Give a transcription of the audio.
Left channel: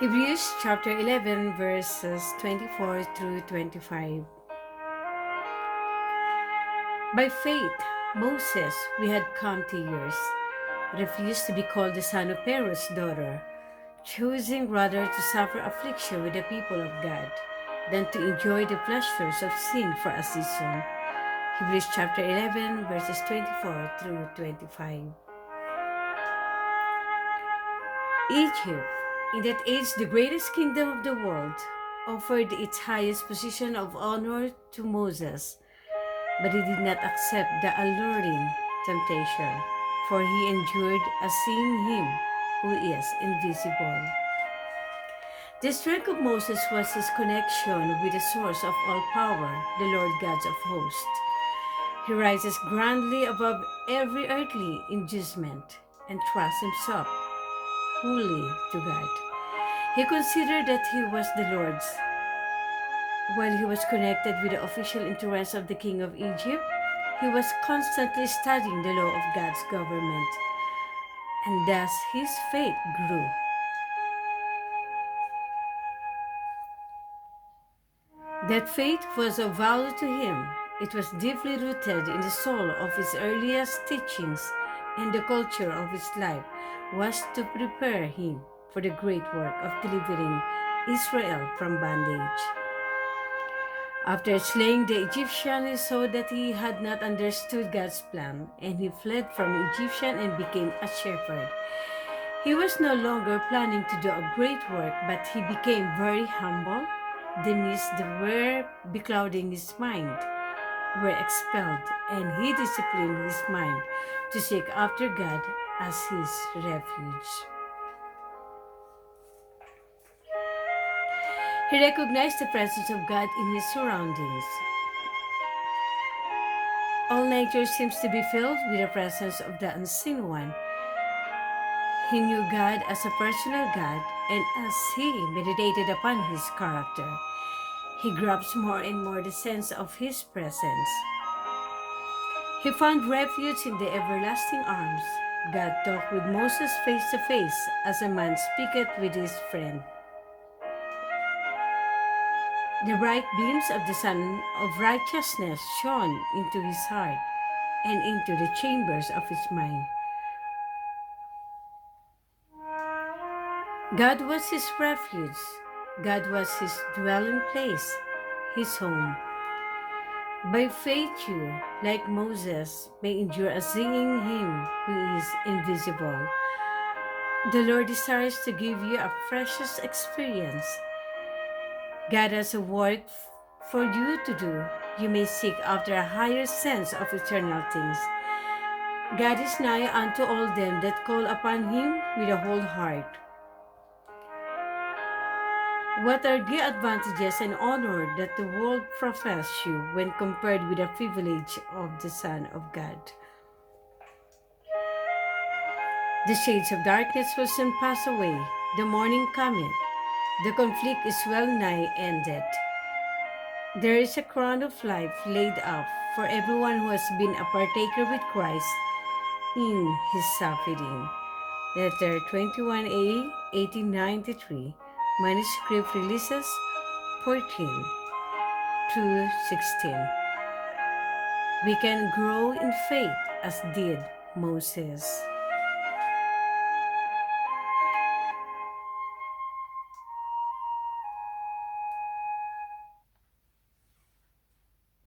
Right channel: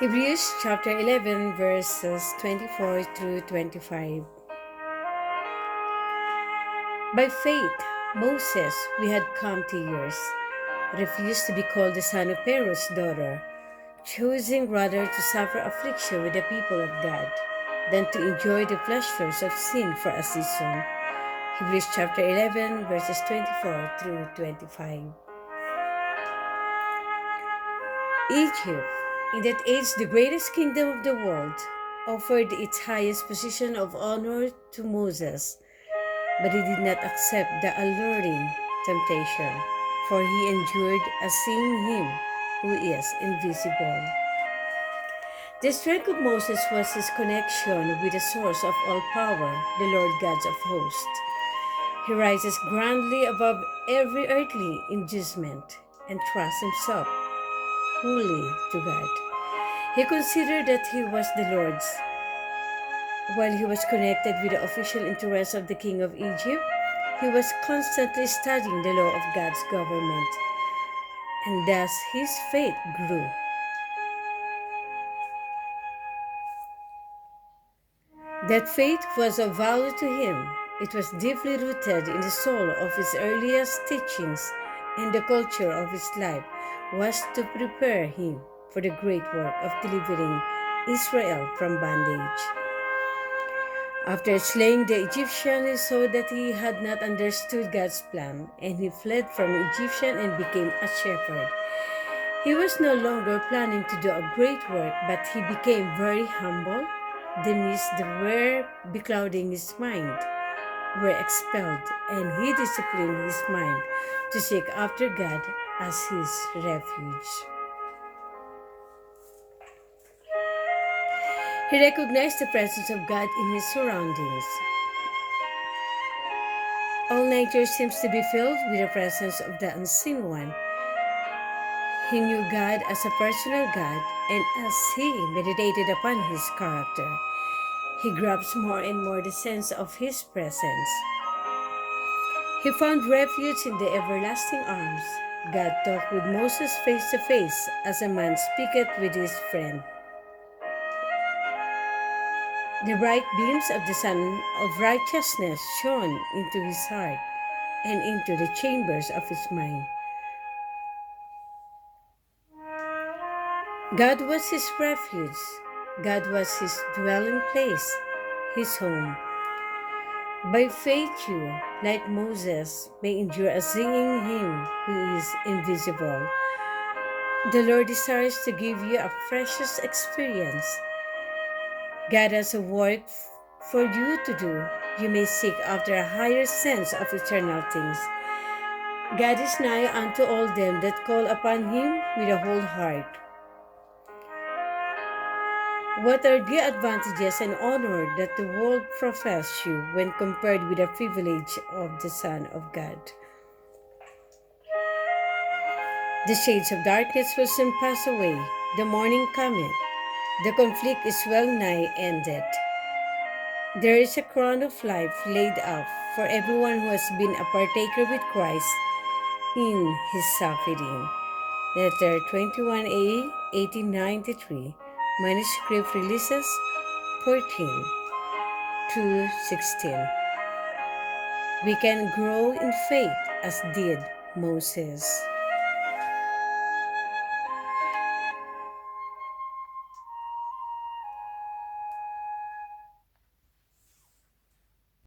Hebrews chapter 11 verses 24 through 25. By faith, Moses, we had come to years, refused to be called the son of Pharaoh's daughter, choosing rather to suffer affliction with the people of God than to enjoy the pleasures of sin for a season. Hebrews chapter 11 verses 24 through 25. Egypt, in that age the greatest kingdom of the world, offered its highest position of honor to Moses, but he did not accept the alluring temptation, for he endured as seeing him who is invisible. The strength of Moses was his connection with the source of all power, the Lord God of hosts. He rises grandly above every earthly inducement and trusts himself wholly to God. He considered that he was the Lord's. While he was connected with the official interests of the king of Egypt, he was constantly studying the law of God's government, and thus his faith grew. That faith was of value to him. It was deeply rooted in the soul of his earliest teachings, and the culture of his life was to prepare him for the great work of delivering Israel from bondage. After slaying the Egyptian, he saw that he had not understood God's plan, and he fled from Egyptian and became a shepherd. He was no longer planning to do a great work, but he became very humble. The mists that were beclouding his mind were expelled, and he disciplined his mind to seek after God as his refuge. He recognized the presence of God in his surroundings. All nature seems to be filled with the presence of the unseen one. He knew God as a personal God, and as he meditated upon his character, he grasped more and more the sense of his presence. He found refuge in the everlasting arms. God talked with Moses face to face as a man speaketh with his friend. The bright beams of the sun of righteousness shone into his heart and into the chambers of his mind. God was his refuge. God was his dwelling place, his home. By faith you, like Moses, may endure as seeing him who is invisible. The Lord desires to give you a precious experience. God has a work for you to do. You may seek after a higher sense of eternal things. God is nigh unto all them that call upon him with a whole heart. What are the advantages and honor that the world profess you when compared with the privilege of the Son of God? The shades of darkness will soon pass away. The morning cometh. The conflict is well nigh ended. There is a crown of life laid up for everyone who has been a partaker with Christ in his suffering. Letter 21A, 1893. Manuscript releases 14 to 16. We can grow in faith as did Moses.